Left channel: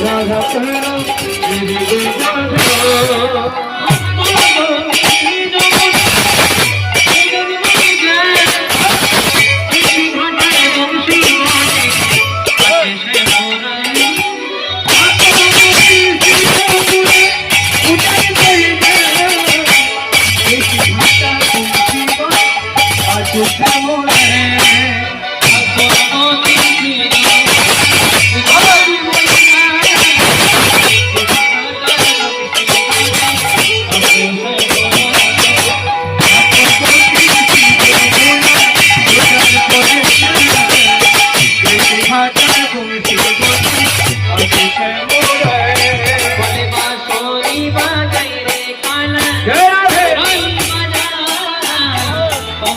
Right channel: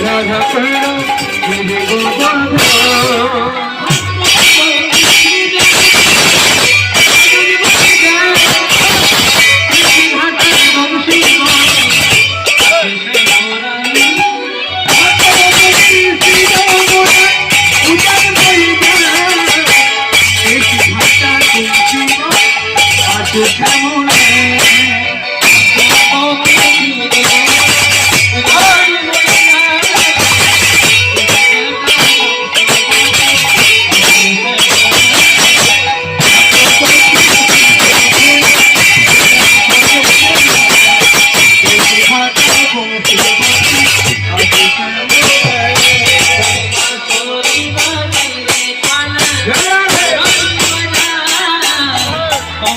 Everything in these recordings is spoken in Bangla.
রাধা করো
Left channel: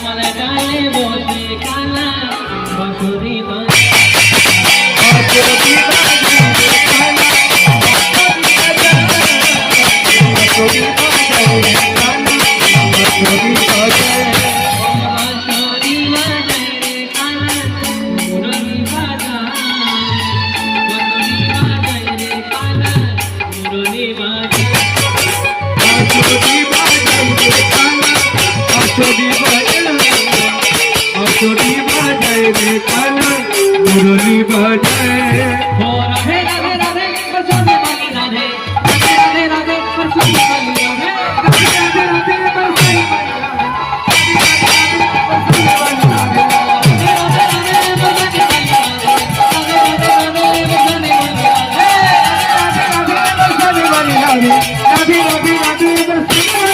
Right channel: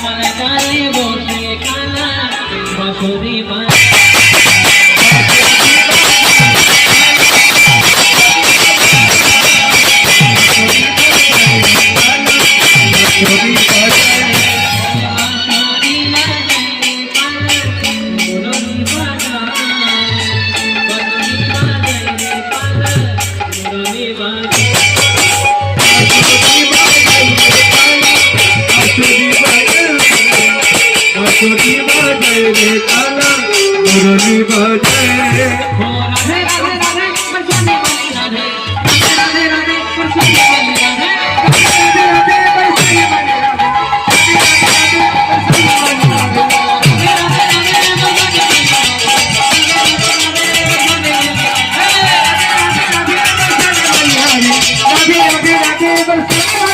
আমার গায়ে বসে কানা বাসুরি বানা বলে তারা মুরলি বলে Thank you.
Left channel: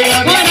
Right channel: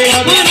Yeah.